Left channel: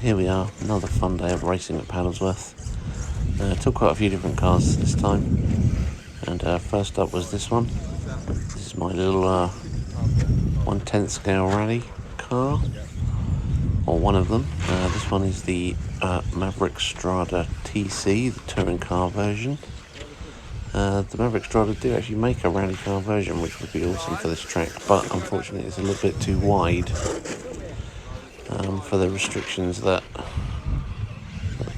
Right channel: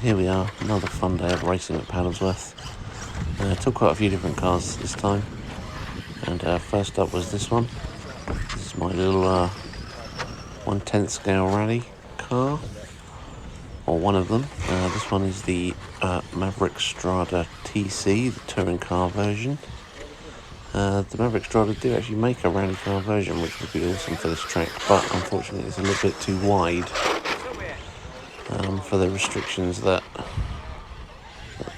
Here we are, another fun day of racing at Paddlesworth. Took quite a few different cars this time, and first up was this one. This is my little 1/10 scale rally car, or one of them. This one is the Maverick Strada TC, the touring car version. The Maverick Strada do actually make a rally car version, which would be awesome for this track, but unfortunately it's a little bit too wide for the restrictions that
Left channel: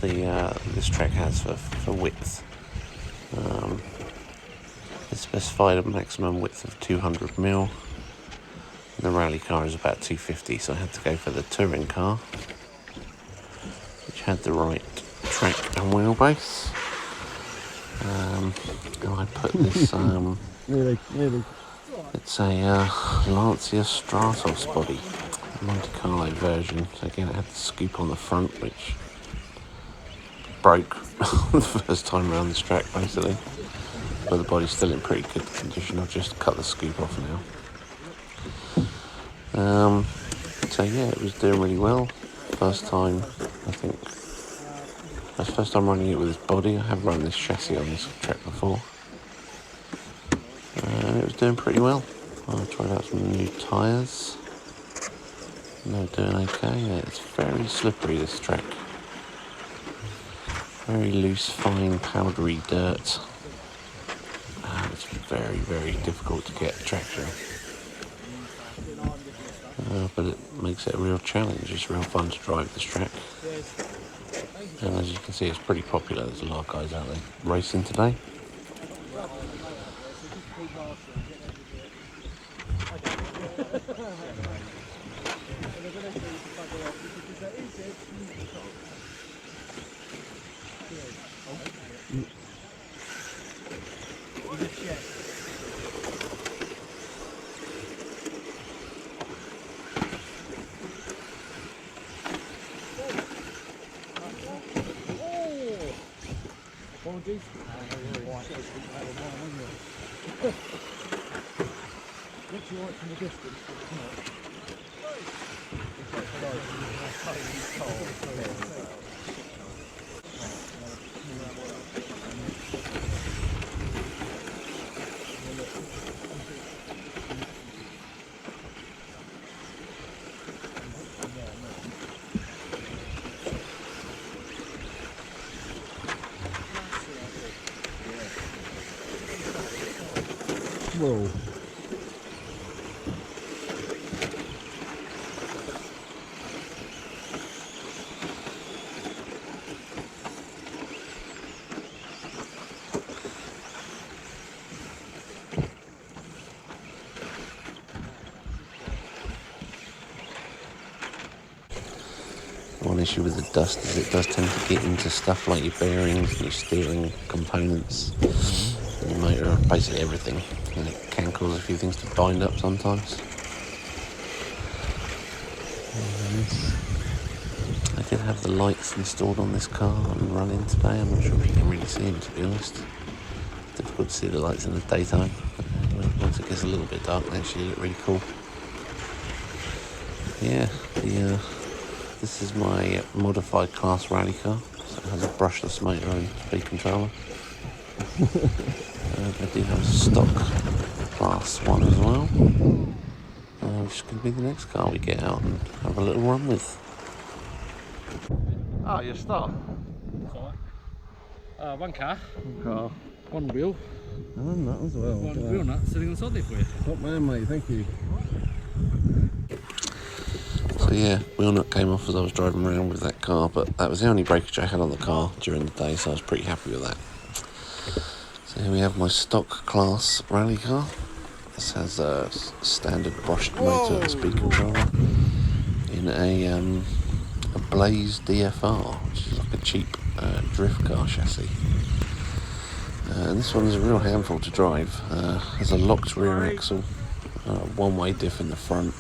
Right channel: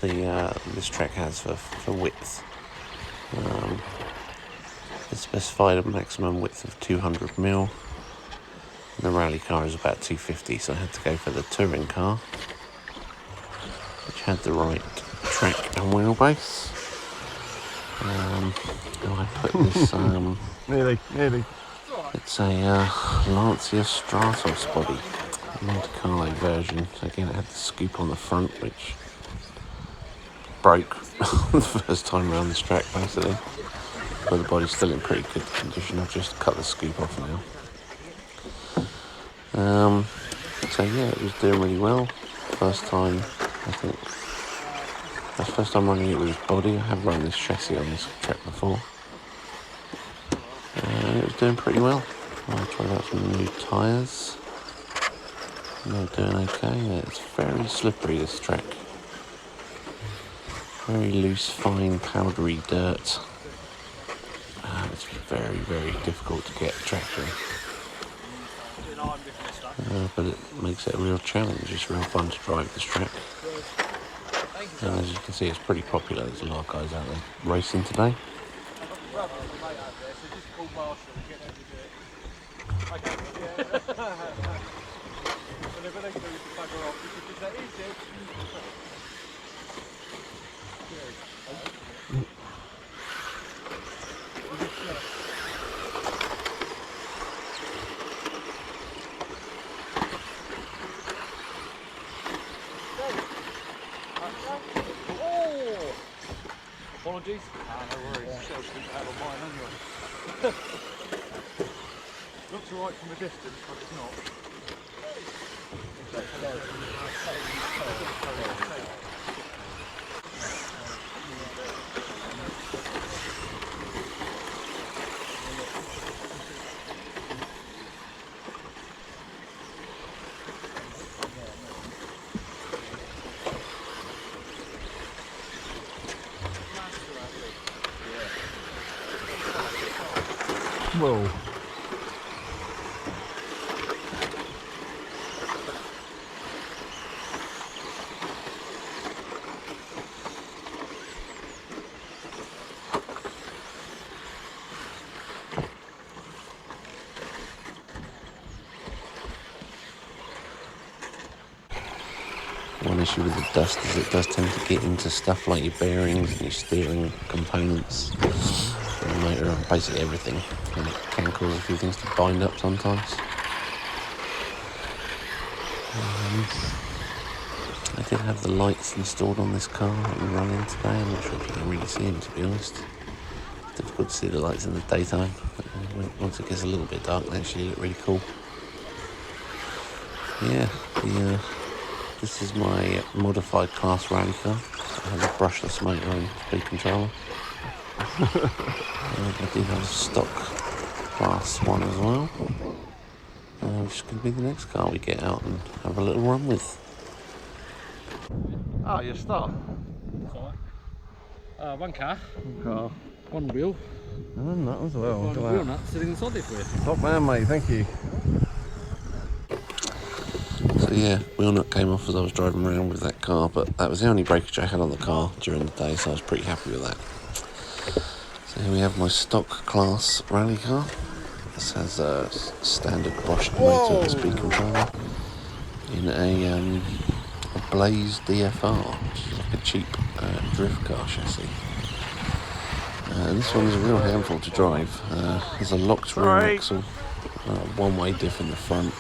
this track has for width. It's specified a maximum width of 200mm. The rally car is about 250, so I had to go for the touring car, which had the right track and wheelbase. And I put this, nearly. It's a Lancia Stratos body, Monte Carlo version. So again, it had the scoop on the front, which broke the first time around this track, basically. But the body's still in pretty good condition. I've just cut the scoop off now. So yeah, it was doing really well. First time, I think. That's the first time running it with this body. I have run this chassis on this track before. And it was doing pretty well. I tried out some new tyres. They're doing okay. Yeah, it's very slippery, this track. Very loose, fine, powdery dirt. It's very, very difficult to get traction. But it makes it a real challenge. It's real fun to drive this track. And as you can see, it's pretty popular. There's a lot of guys out there racing today. Apologies. Looks alright from the distance, but it's not. Whoa. One issue with the dust is it does tend to get into stuff like your bearings and your steering components, and the motor, basically everything, and it can cause a few things to bind up sometimes. I did have the lights installed on this car and running today. I'm not sure if you can really see them, to be honest. It's difficult to see the lights in the daytime. Once it gets a little bit dark, they actually look really cool. Yeah, this is my modified class rally car. So it has a brushless motor and speed controller. I do have a stock class one as well, which is going to be the next car we get out and have a little run with. Ah, your start. One car, Car. one wheel, And that as well. one wheel nut sitting inside there for you. Top man, mate. Thank you. So yeah, wheel nut came off as I was driving around with that car, but that was the only breakage I had on the car during the day, so I was pretty happy with that. So here we have my stock class rally car. This has a standard brushed motor and speed controller in a Blaze DFR, which is like a cheap drift car chassis. And this one is a real handful to drive. There's a locked rear axle, one-way diff in the front.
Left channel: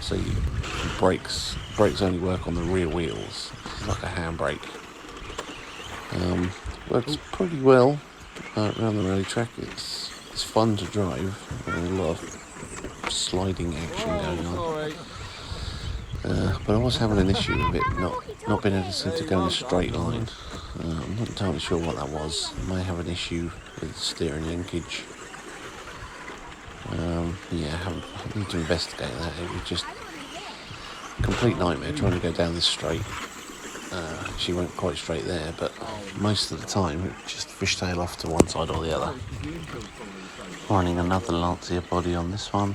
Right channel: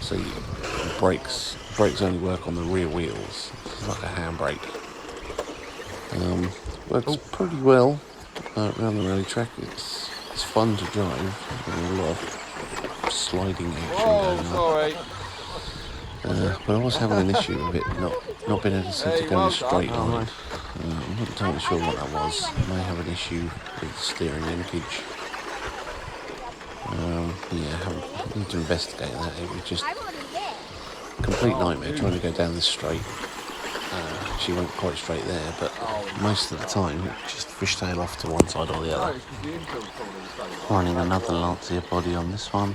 So brakes only work on the rear wheels. It's like a handbrake. Works pretty well around the rally track. It's fun to drive. A lot of sliding action going on. But I was having an issue with it not being able to go in a straight line. I'm not entirely sure what that was. I may have an issue with steering linkage. Yeah, I need to investigate that. It was just a complete nightmare trying to go down this straight. She went quite straight there, but most of the time it just fishtail off to one side or the other. Running another Lancia body on this one.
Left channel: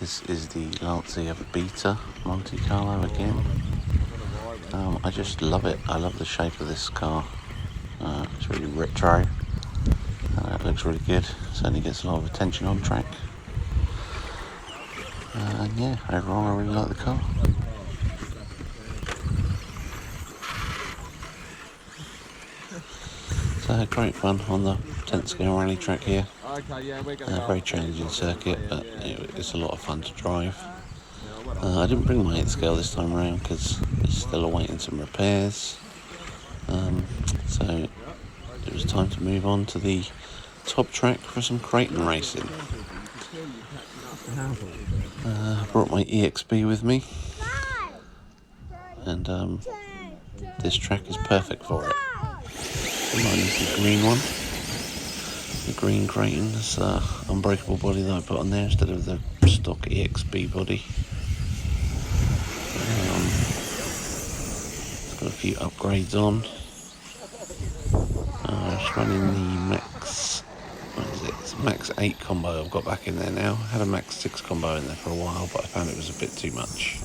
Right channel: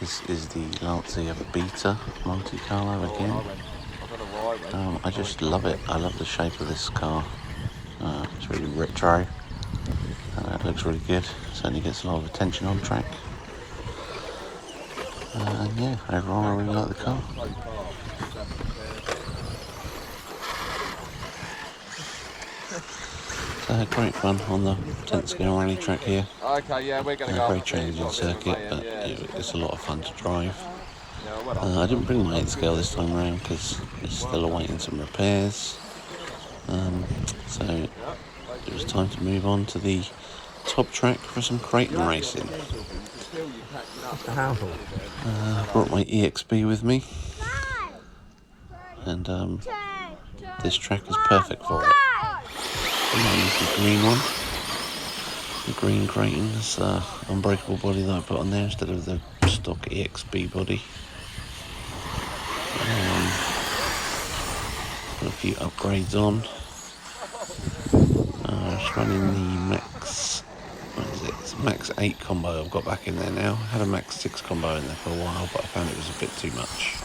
This is the Lancia Beta Monte Carlo again. I just love it. I love the shape of this car. It's really retro. It looks really good. Certainly gets a lot of attention on track. And yeah, overall I really like the car. So great fun on the 10th scale rally track here. Very challenging circuit, but it's a lot of fun to drive. I didn't bring my 8th scale this time around because it's still awaiting some repairs. So it was time to move on to the top track for some Kraton racing. Brought my EXB with me, and this track is perfect for it. Mine is the green one, the green Kraton. It's the unbreakable body that I put on there instead of the stock EXB body. Got a few upgrades on. It's running the Max, what is it? It's Max 8 combo I've got back in there now. I had a Max 6 combo in there for a while, but I found it was a bit too much.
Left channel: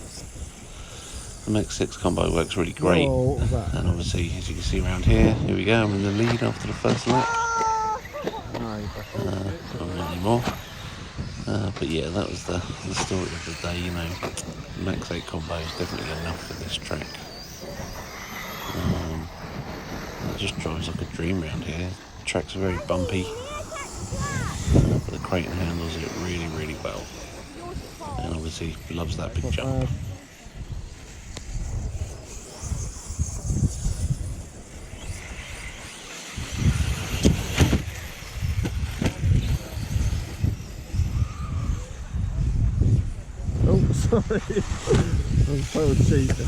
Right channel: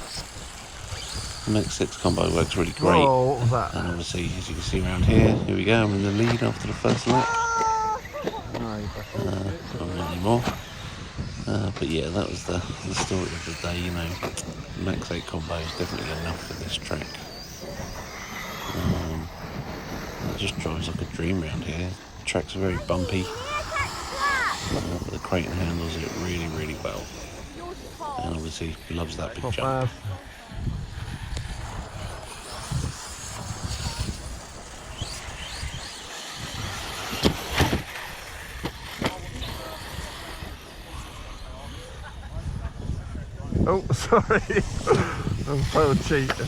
The Max 6 combo works really great. Whoa, what was that? And obviously, as you can see around here we go, I'm in the lead after the first lap. Not anymore. But yeah, that was the story of the day, you know. Max 8 combo is definitely enough for this track. It just drives like a dream around here. The track's very bumpy, but the Kraton handles it really, really well. And obviously loves that big jump. Oh, sorry. I'm so cheating.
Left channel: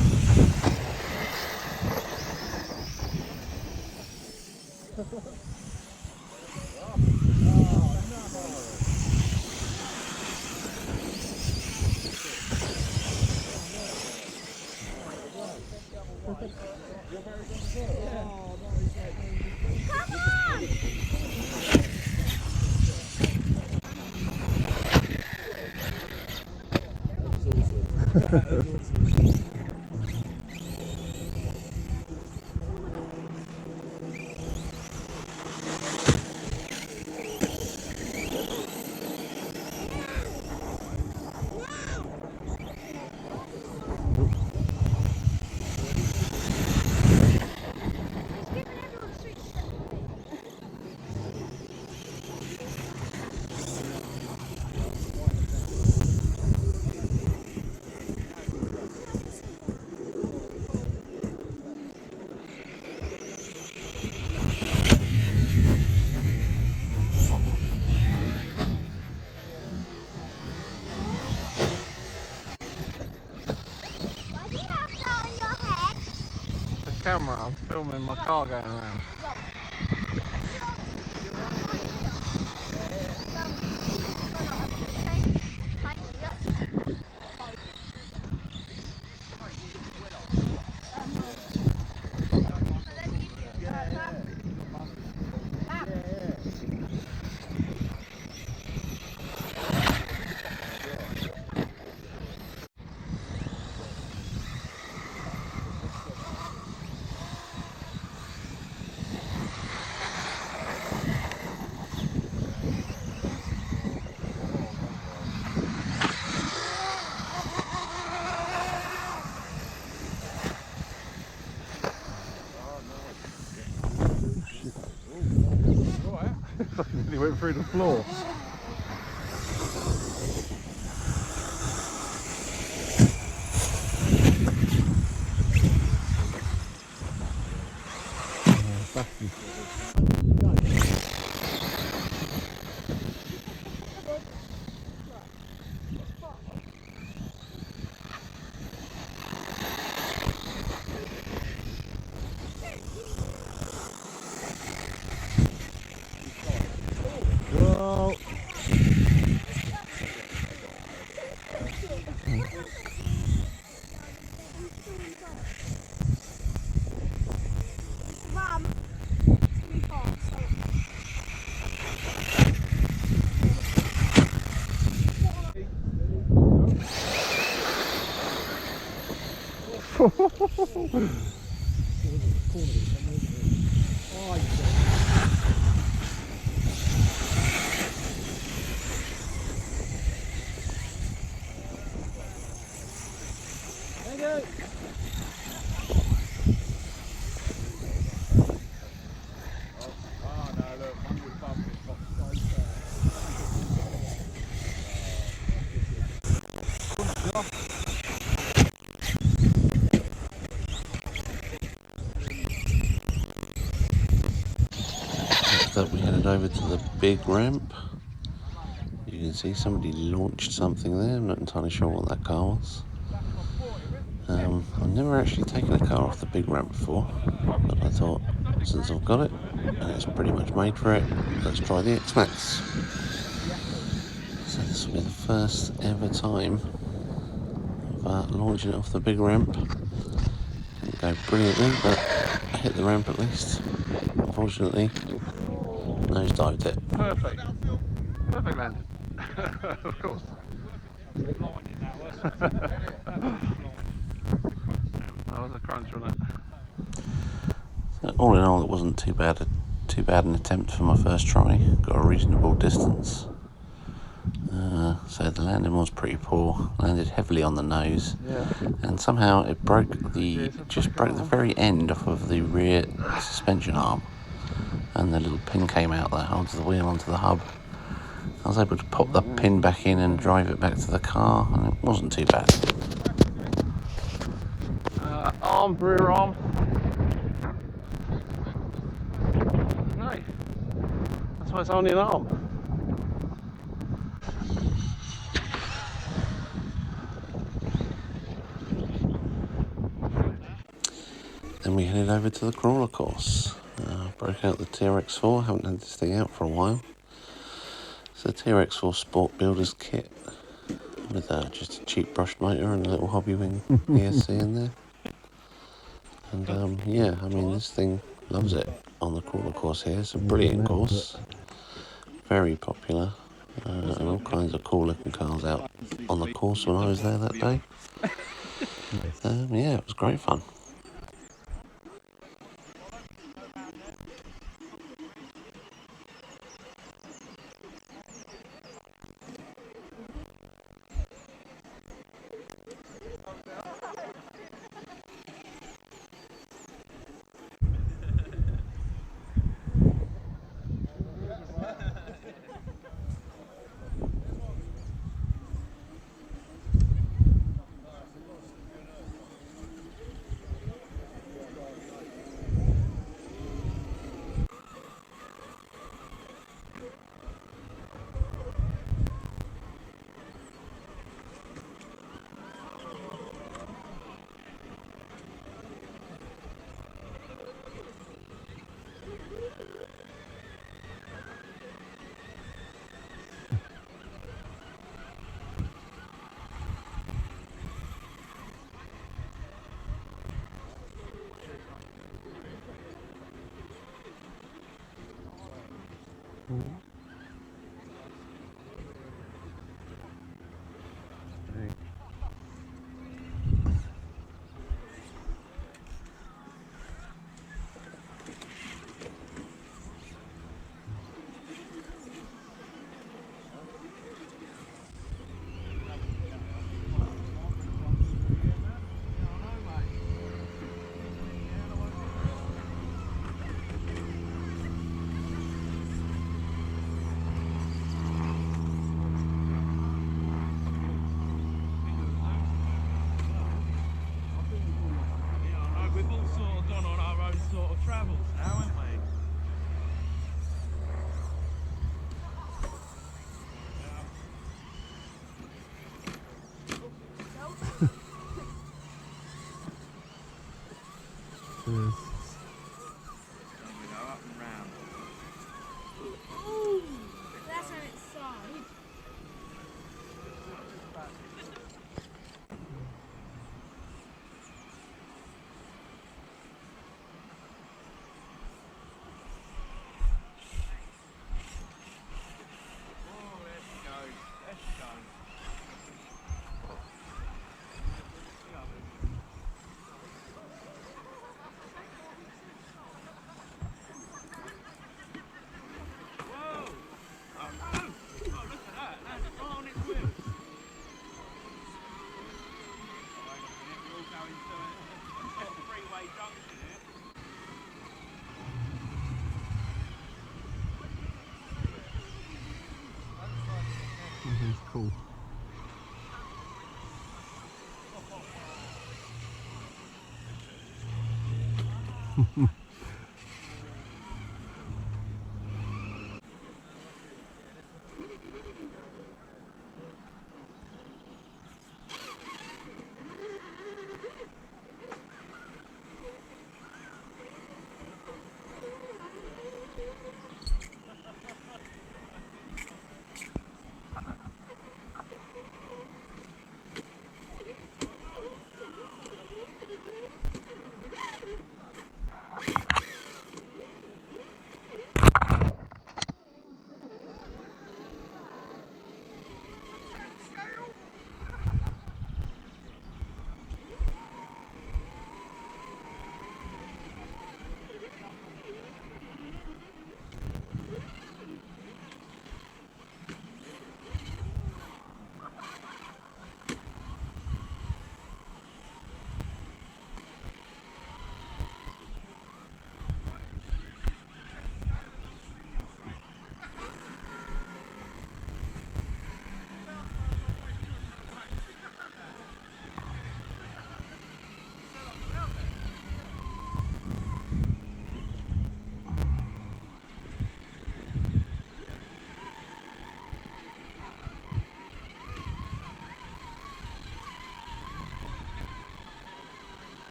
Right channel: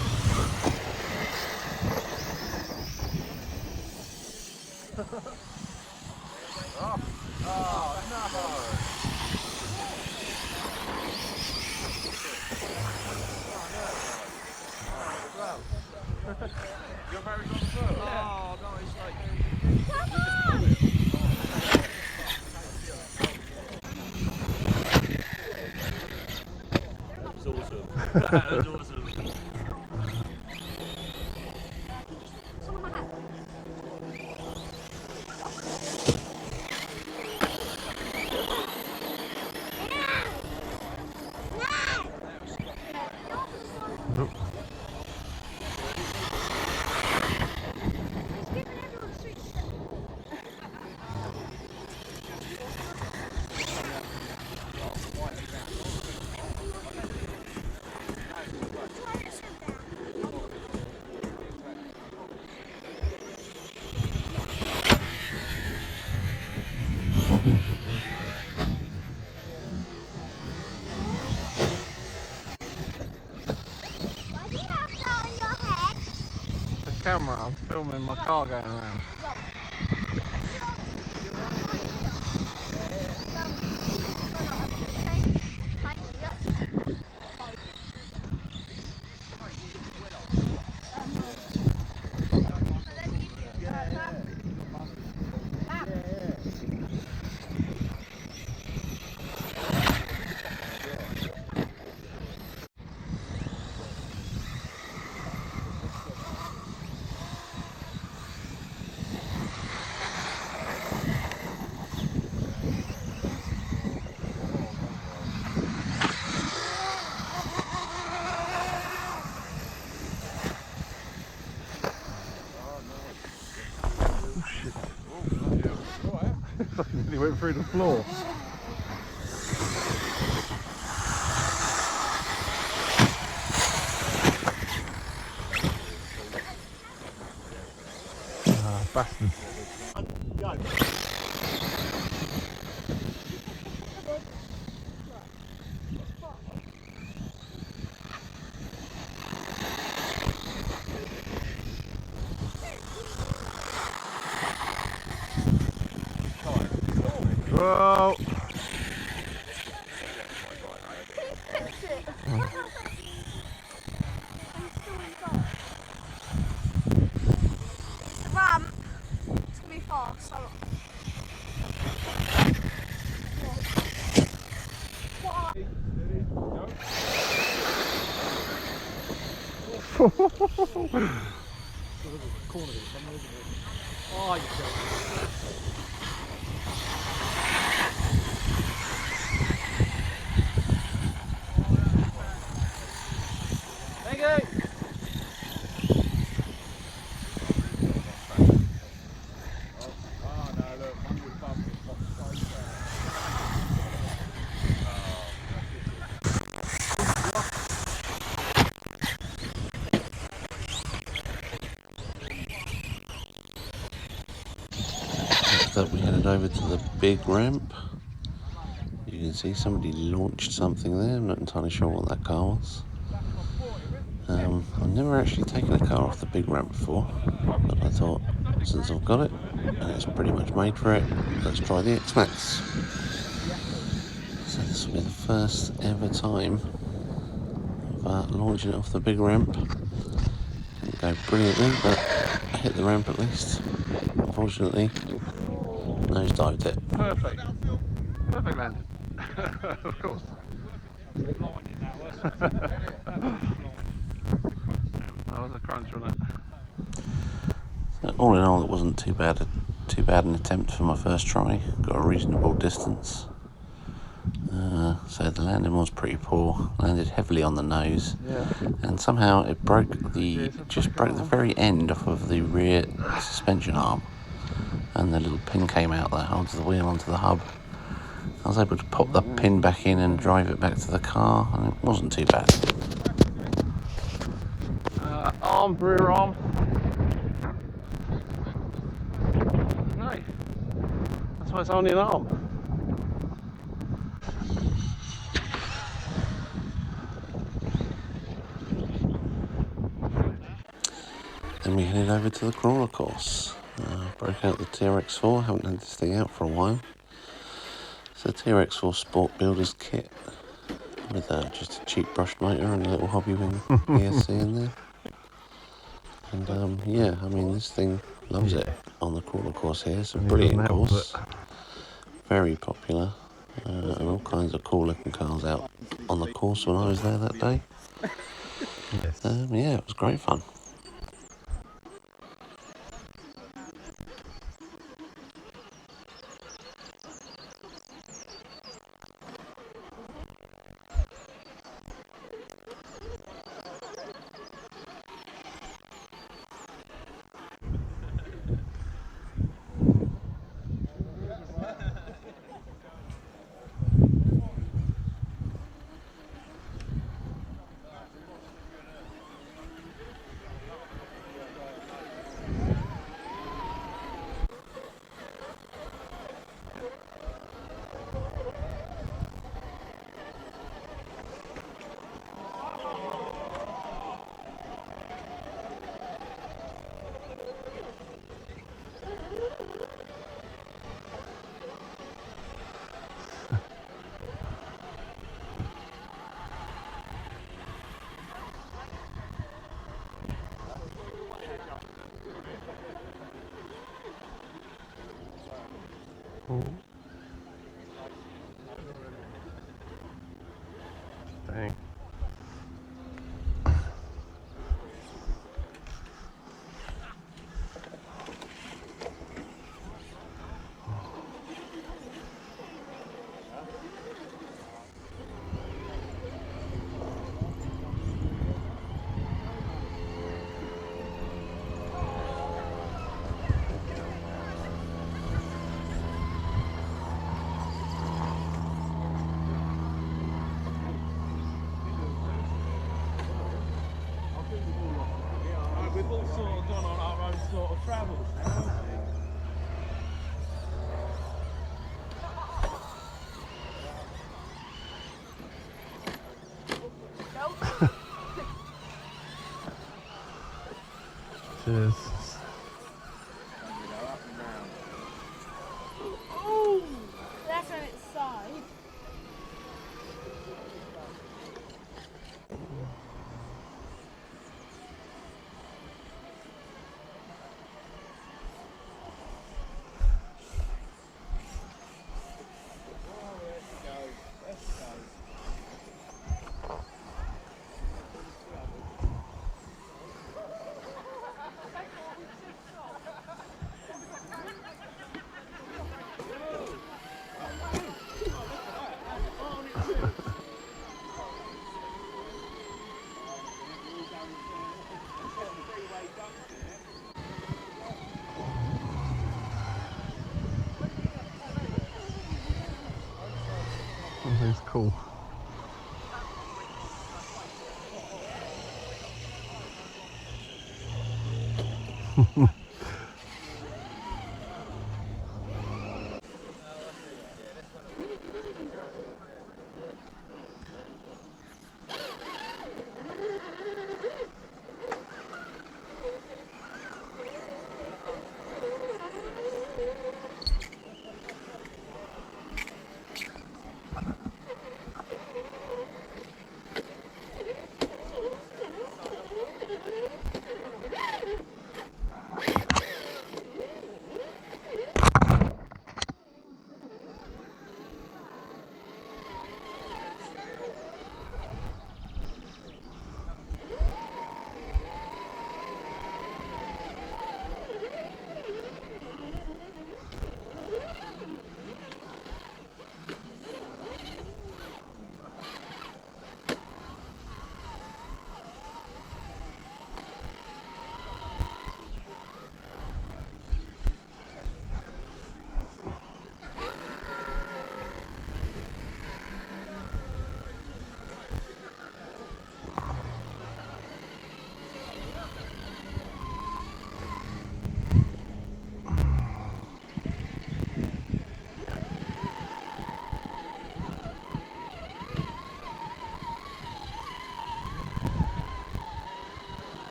Camera, I'm filming my car going around. He went through the floor. Bastard. Oh, you Thank you. Oh no, look, one was bumping, got so Next up we headed over to the big ramp. You can see somebody launched something there. I'm not entirely sure what that car was. I've never actually taken a car off the big ramp before, but I thought, since I've got it, and it's pretty much made for it, let's try the Xmaxx. So this will be the first ever time of launching it off the big ramp. Didn't go brilliantly, but I hit the ramp at least. Unfortunately, nosedived it. Perfect. Perfect landing. Of course. That was a crunch, wasn't it? So all in all, it wasn't too bad an attempt for my first try. Got a reasonable distance. So the landing was pretty poor. Landed heavily on the nose, Yeah. and somehow it broke the very end off of the rear suspension arm, and the little pin came out that holds the wheel onto the hub. I was able to pop the pin back in and drive it back to the car, and it wasn't too bad. Rear arm. No. That's why it's only an arm. Then we headed over to the crawler course. Broke out the TRX4, haven't had this thing out for a while. It's a TRX4 Sport Builder's kit with just a cheap brushed motor and a little hobby wing ESC in there. And yeah, I mean, this thing loves it on the crawler course here. It's a brilliant course, very popular, and all kinds of cool looking cars out on the course when I was there that day. Yeah, it was great fun. Dang. We've all sort of gone on our own sort of travels now, haven't we? Cheers. Ooh, that's on its side. This is cool.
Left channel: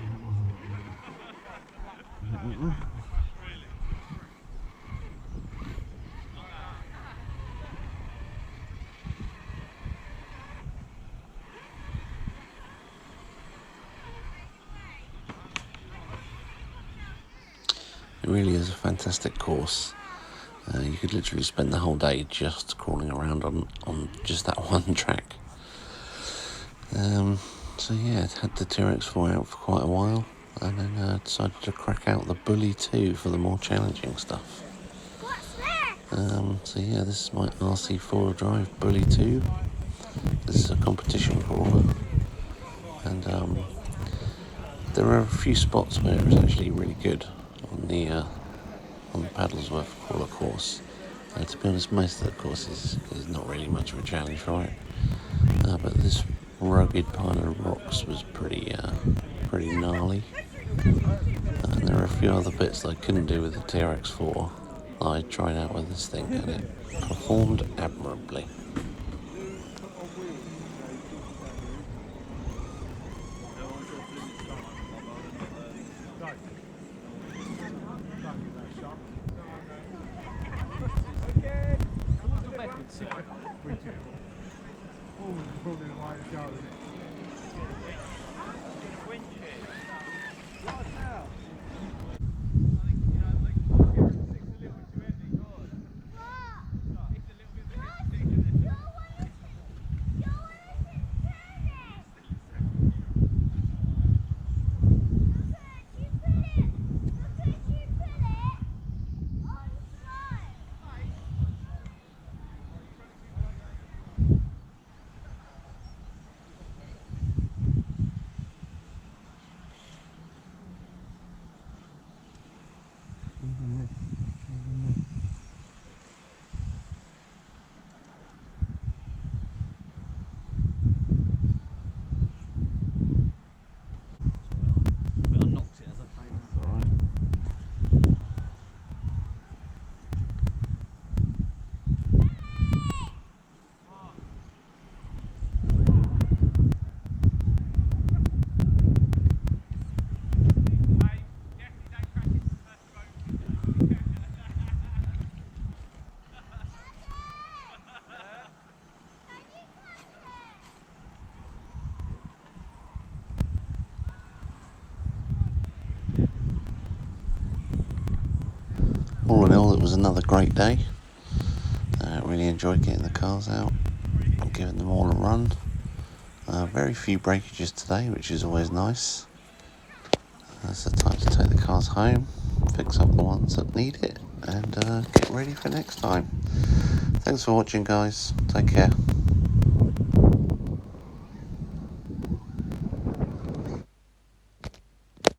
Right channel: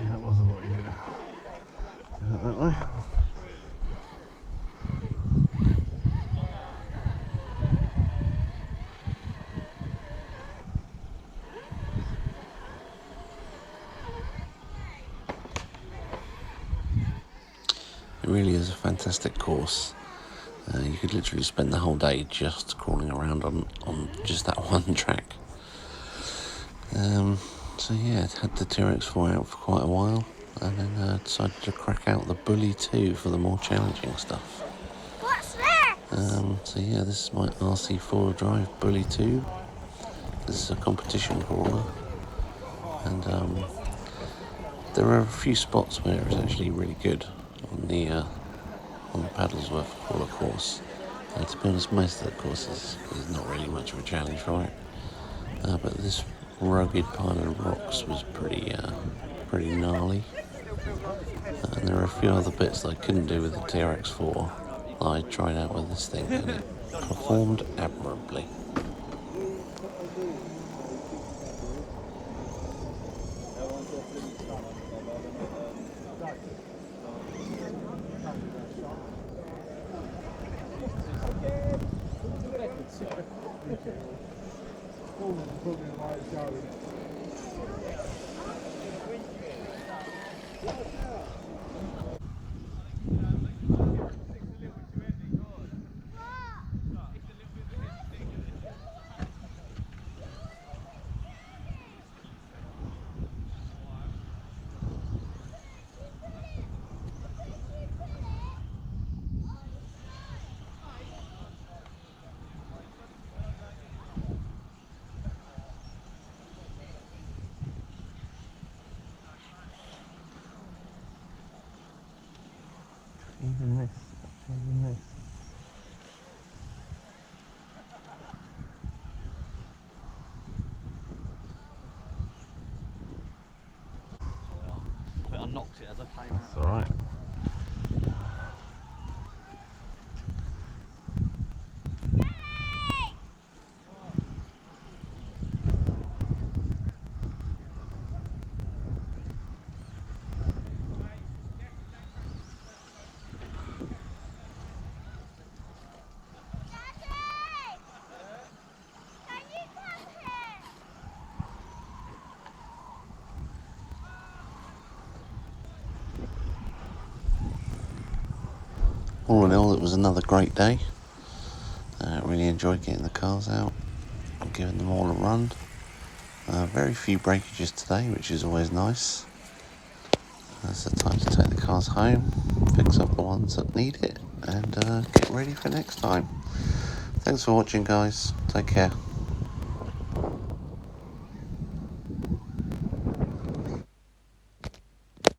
That was a lot easier. That way. It really is a fantastic course. You could literally spend the whole day just crawling around on just that one track. So yeah, had the TRX4 out for quite a while, and then decided to crack out the Bully 2 for the more challenging stuff. What's that? So yeah, this is my RC4 drive Bully 2. This is a competition crawler, and there are a few spots where it's actually really good on the Paddlesworth crawler course. To be honest, most of the course is not really much of a challenge for it, but this rugged pile of rocks was pretty gnarly, and there are a few other bits that I couldn't do with the TRX4 that I tried out with this thing, and it performed admirably. Even this. I think I knocked it as I came out. It's alright. All in all, it was another great day. Really enjoyed getting the cars out and giving them all a run. Very few breakages today, which is always nice. It's the time to take the cars home, fix up the ones that need it, and get ready for next time. Thanks for watching, guys. Take care.